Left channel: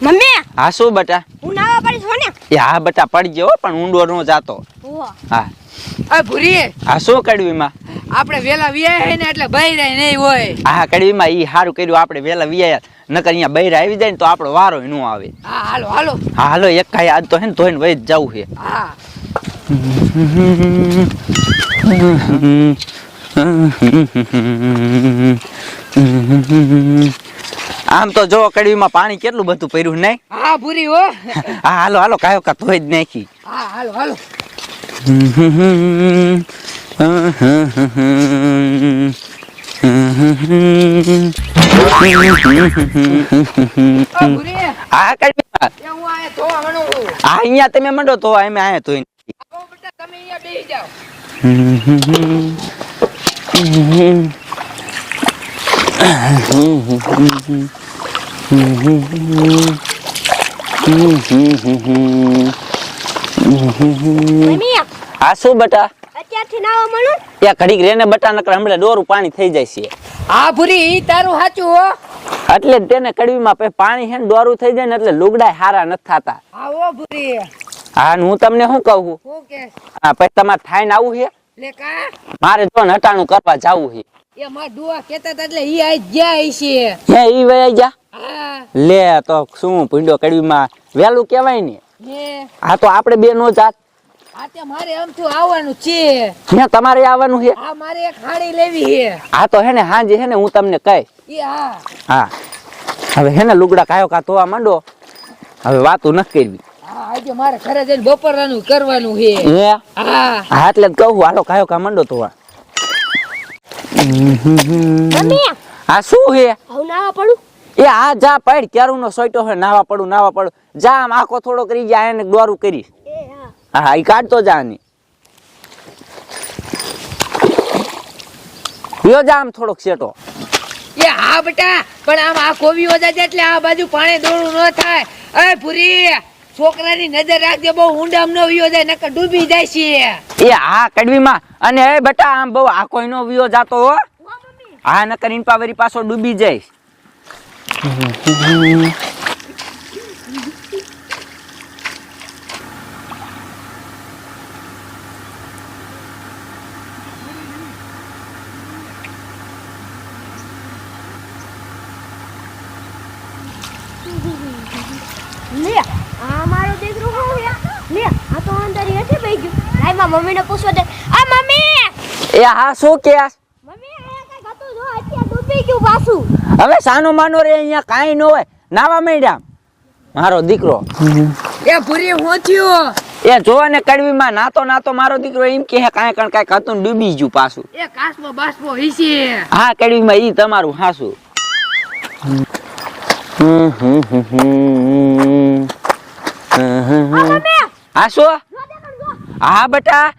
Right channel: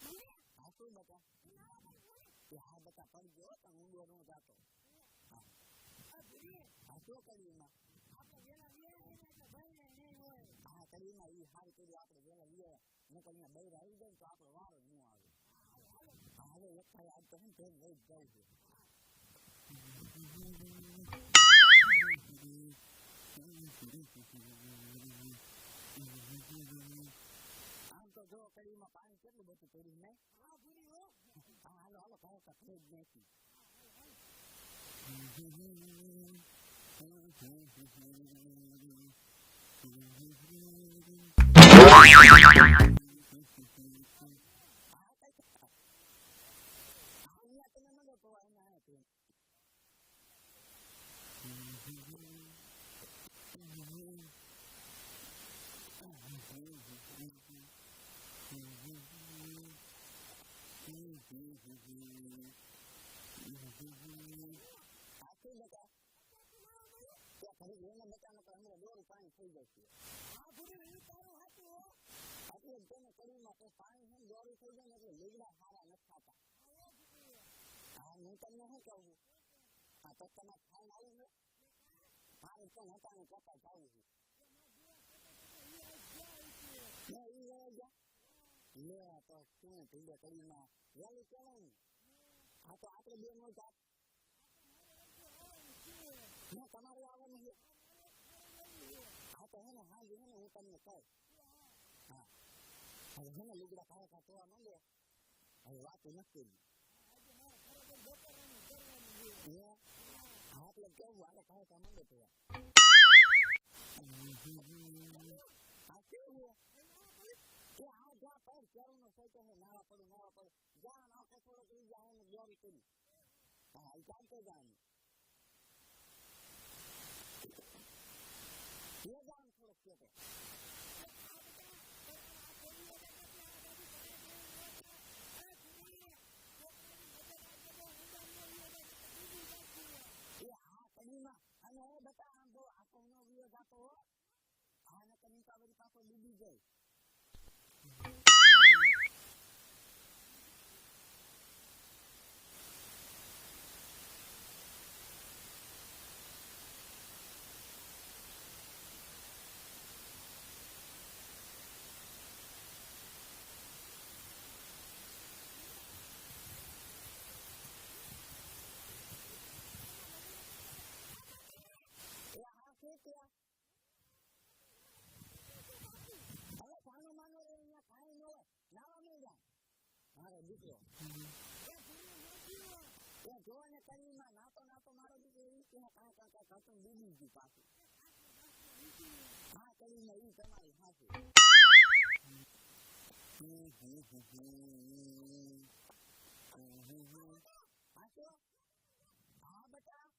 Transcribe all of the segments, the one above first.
Mummy હા શું બેટા? હું નાવા પડી છો ને? એ હા બેટા પડી ગયો પણ ઊંડો નો જાતો. હા આ ભૂરી હા શું કડવીમાં? આપણે વેલા વિયા હે ને એટલે બૈરા નહીં હોય. હા કડવીમાં ઈ સારું કર્યું આપણે વેલા વિયા નકર અહીંયા બૈરા આવી જાય ને તો આપણો વારો નો આવે. હા હાલો હાલો. હા હાલો એક કાઈ આજ તો હે ને ધોઈને વહી જવું છે. હા આમ તો જો કડવીમાં પાણી કેટલું બધું પડ્યું નહીં? હા ભૂરી હો. હા હાલો હાલો કાયો કા ધોઈ જ નાખી. હા હાલો હાલો. આ ભૂરી હા કડવીમાં એ હું આયા ધોવા માંડું છું. હા અહીંયા તમે મંડો તો અમે આયા ધોઈ નાખી. આવો બેટા તમે અહીંયા બેસી જાઓ. મમ્મી હા શું બેટા? અત્યારથી નાવા મળું? ત્યાં ઘડીક રેને બટા નકર હમણાં ડોરું પાણી થઈ જાય છે. હા ભૂરી ઈ તારું સાચું હો. એટલે જ તેને કડવીમાં પછી પાણી છે ને ડોરું થઈ જાય ને એટલે લુગડાય હારા નથી થતા. હા હો ભૂરી. હા હું તમને શું કહું છું? હું કે હા પછી તમારે થાઈને આવું છે? લે કા મારે જો હટાણું કરવા જાવું છે. એ માર ડુઆ કહેતા હતા એટલે ઈ આઈ ગયા છે. હે ઈ વયા જા હા લે તો શું ભીંડો કડવીમાં વેલું કહેવાય ને. હે હા તો આપણે બે નો જાત. આ તે મારે આમથી આવવાનું છે. ત્યાં તમારે આવવાનું છે? આ મારે એક હાડી લેવી છે. હા તો હે ને હાંજે હે ને હું તમને કહીશ. ઈ હા હા હવે હે ને લુગડા કાયો કા ધોવા માંડો. હવે વાતું ન કરવી. હા આજે મારે ઘરે જઈને બપોરનું કરવાનું છે. હે હા હા એટલે જ કહું હાલો કાયો કા માંડો ધોવા. મમ્મી હા શું હે? હું નાવા પડું? એ આ જા પડ ક્યારું નો સોઈટો હે નાવા પડું જા આમ આખો થોડો કરી જા એને દોરું કરીશ. એ હા હા ઈ કાઢતો જા ની યો જા આમ થોડોક સેટો. એ હા બેટા પણ આમ આ કોવી ઓજા છે એટલે આ બાજુ પાણી દોડું ન થાય. એ પૂરી છોકરાની નજર રાખજે બહુ ઊંડામ ન વિયો જાય નકર ડૂબી જાય છે. એ હા કડવીમાં અને એ બેટા આમ બહુ આખો નો વિયો જાતો હો. હા નકર ઇનપાવરી પાછો ડૂબી જાય. લે આ મારો દીકરો હું હે? લે આ તો અંદર હેઠે બેહી ગયો. લાઈ માં મમ્મીને પૂછવા દે. આ મમ્મી એ હા શું કે મમ્મી આ કઈ ગતું જો અત્યારે ડૂબી ગયું પાછું. હવે સાનો માનો રે અહીંયા કાઈ ન હોય નાવા માંડ્યા મારો દીકરો. એ પૂરી હું થયો? એ જોવા ને કડવીમાં નાતો મારો દીકરો એમ કે કાંઈ કાંઈ હતું ને ડૂબી ગયું પાછું. એ કાસમો બાસમો હીસે. હા કડવીમાં ઈ તમારું હાસું. હા શું? હા બેટા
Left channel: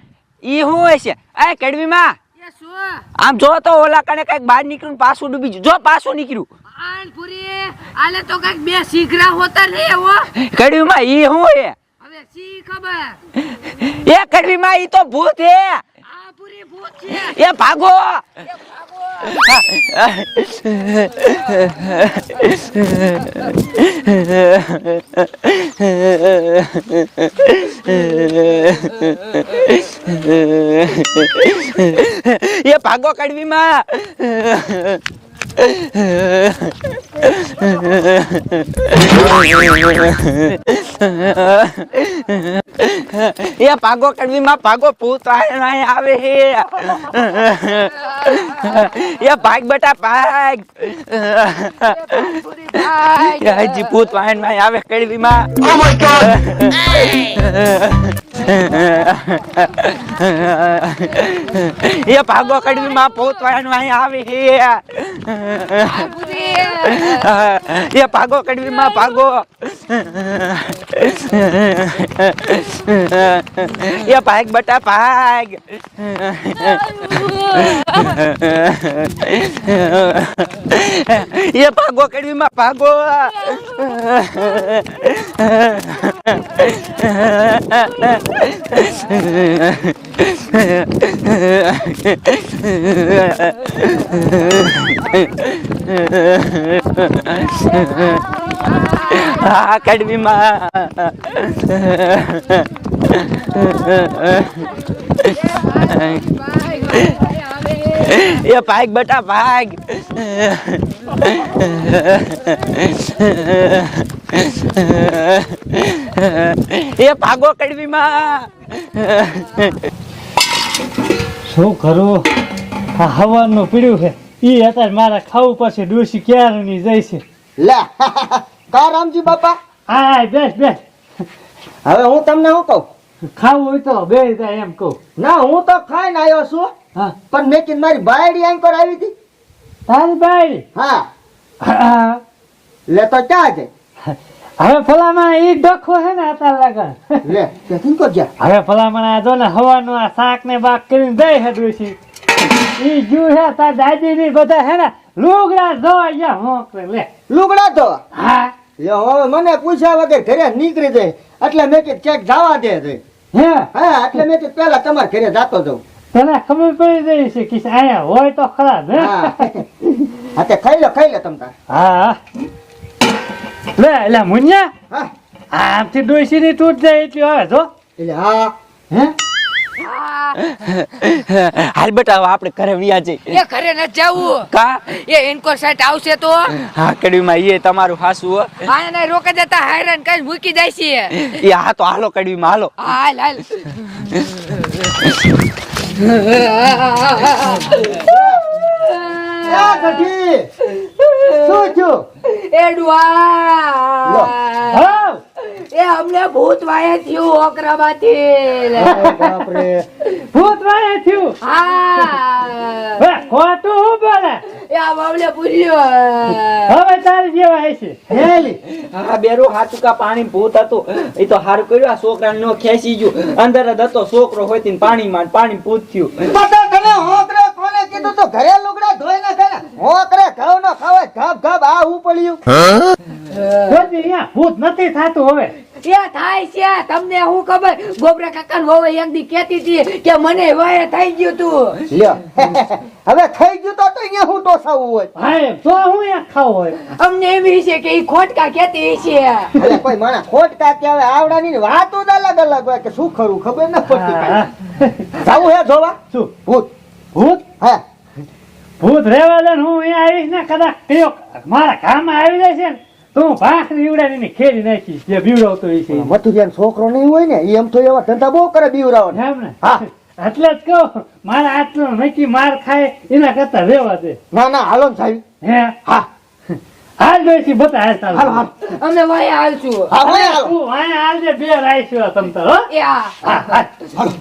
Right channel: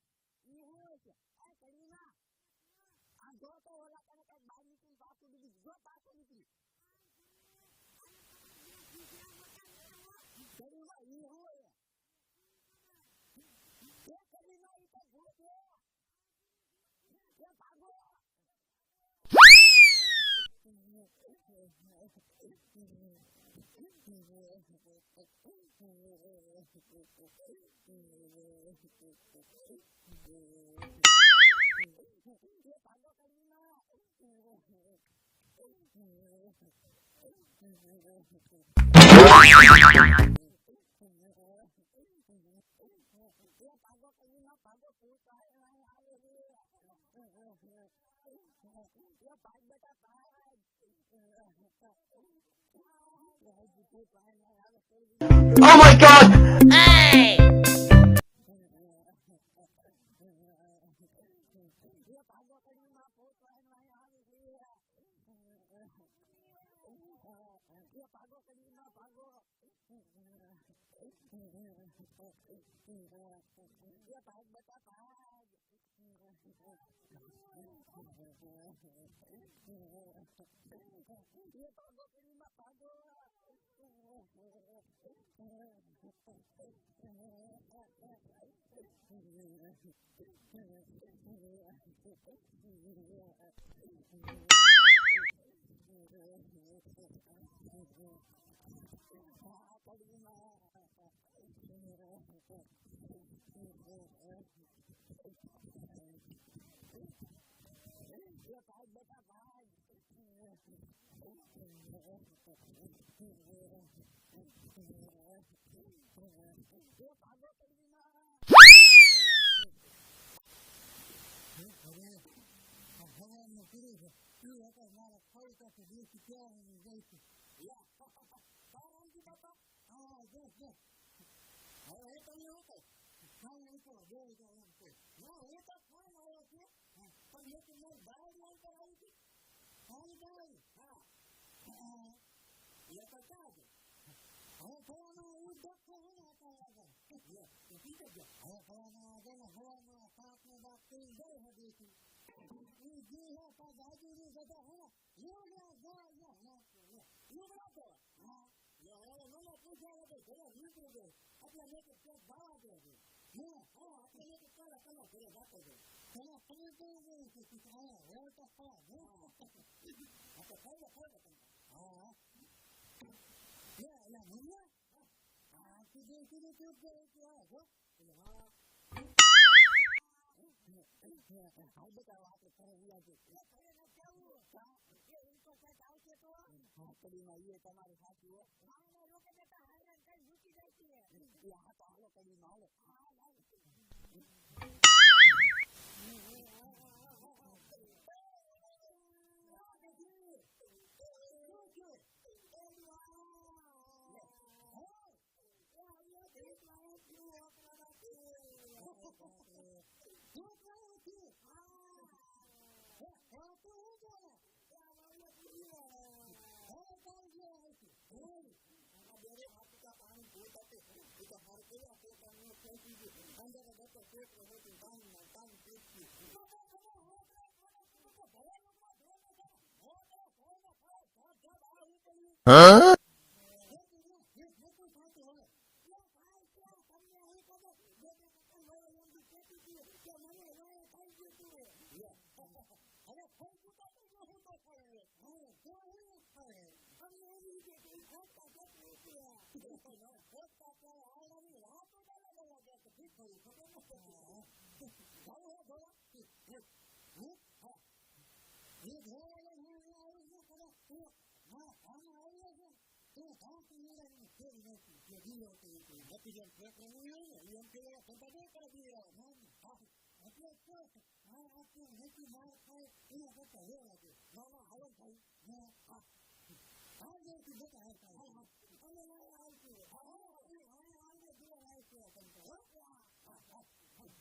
ઈ શું હોય છે? આ કડવીમાં એ શું? આમ જો તો ઓલા કને કઈક બહાર નીકળ્યું પાછું ડૂબી ગયું. જો પાછું નીકળ્યું. આન પૂરી આલે તો કઈક બે શીઘરા હોતા લે હો. કડવીમાં ઈ શું હે? હવે સી ખબર. એ કડવીમાં ઈ તો ભૂત હે. આ પૂરી ભૂત છે. એ ભાગો. એ ભાગો કડવીમાં. એ ભાગો કડવીમાં ભાગો ભૂત આવે હે. એ ભાગ બેટા ભાગ. પૂરી ભાઈ હજી ભૂત વાહન માં આવે કડવીમાં. Oh my god! એ ભાગો કડવીમાં ભૂત વાહન માં આવે હે. એ ભાગો કડવીમાં ભાગો. એ ભાગ બેટા ભાગ. એ ભાગો કડવીમાં ભાગો. હા કડવીમાં એ ભાગ બેટા ભાગ એ ભાગો કડવીમાં શું કરું આ હવાનું પીડ્યું છે ઈ અત્યારે મારા ખાવું પડશે ડોસી ક્યારની જાય છે લે કા રામજી બાપા આ બેસ બેસ હવે હું તમને શું કહું ખાવું હોય તો બે જાય એમ કહું ના હું તો ખાઈને આવ્યો છું હા પણ મેં કીધું મારી બાયડી આંકોર આવી હતી તારી બાઈ હા હા લે તો ક્યાં છે હવે ભલામણ ઈ ડખો છે ને અત્યારે લગન લે તે કિંકો ગયા હવે ભલામણ આ જો ને હવાનું આ શાક ને બાક કરીને દઈ છે ડોસી ઈ જુ છે તાર દાદી ની બધા છે ને લુગડા જો અહીંયા હોંકરે લે લુગડા ધોવા હા લે હવે મને પૂછ્યા વગર ઘરે નીકળી જાય એટલે મેં કીધું ચેક જવા દે રે હે હા એટલે મેં કીધું પેલા તમારા ઘરે જાતો જાઉં તને ખબર પડી જાય છે કે અહીંયા હોય તો ખરા હે હા હા તે ખાઈ લે તમ તાર હા લે લે મુન્યા હા આમથી ડોસી ની તૂટ જાય એટલી હવે જો એટલે હા હે હાલ બેટા હવે આપણે ઘરે વ્યા જઈ એ ઘરે ન જાવું કા એ ઇનકો સાઈડ આવશે તો હા કડવીમાં એ તમારું હાસુ હો આ એને રોકે દેતા હેરાન કઈ મૂકી જાય છે એ હા તો હાલો કડવીમાં હાલો હાલ હાલ ક્યાં ગઢી શું થયું એડવા હા એ અમને ભૂત વાયા થયું ઓકરામાંથી બાપરે ભૂત વાળે થયું હા હે ખોટું હું બોલે એ આ બાવલે પૂર્યો હવે તારી જેવા હશે હેલી હા બેરો હાચુકા પાણી ભૂત હતું એ તો હારું કર્યું આ છોકરાને નો ખેંચી ગયું અંદર જ હતો છોકરો હોય તીન પાણીમાં પાણી ભૂત થયું બધા તને હોકરે કોને કીધું તો ઘરે લુગડા ધોઈ નાખે ને હોકરે ઘઉં નો ખવાય ઘબ ઘબ આ ઉપડ્યું જોતી અહીંયા ભૂત નથી થાતું હવે એ થાય છે તમને હું ખબર ગોબરા કાકા વહુ એક દી કેતી હતી કે મને વાય થઈ ગયું તું લ્યો હવે થઈ ગયું તો અહીંયા હું ટોસાવું હોય હા તો હું અહીંયા ખાવું હોય અમને એવી છે કે ઈ ખોટકા કેતી છે એટલે કોઈ માણસ ખોટ કાકે આવે આવડાની વાતો જ અલગ અલગ હોય કે શું ખરું ખબર ન પડતી હા. કાંઈ. જાવું હે જોવા શું ભૂત ભૂત હા ભૂત રેવા દે ને હું અહીંયા આવીશ ને કદાચ કયો મારા ગામમાં આવી જાય છે ને તો હું ભાખરી ઉડાડીને ખેડી નાખીશ જે બીવડાવતો હોય છે ઈ. મથુરિયાનો છોકરો નહીં હોય ને એમ તો એવા ધંધા બહુ કરે બીવરાવો એમ ને હા. એટલે જ કહું મારા આટલો નક્કી માર ખાય એના કરતા રેવા દે ના ના હાલો ને સાહેબ હે હા હાલ જોઈશી બતા હાલ હાલો ચાલો હાલો અમે વાય આવશું હા હોય હાલો તું અહીંયા હાલજે બે રાઈશું તમ તાર હો એ હા હા હા હાલો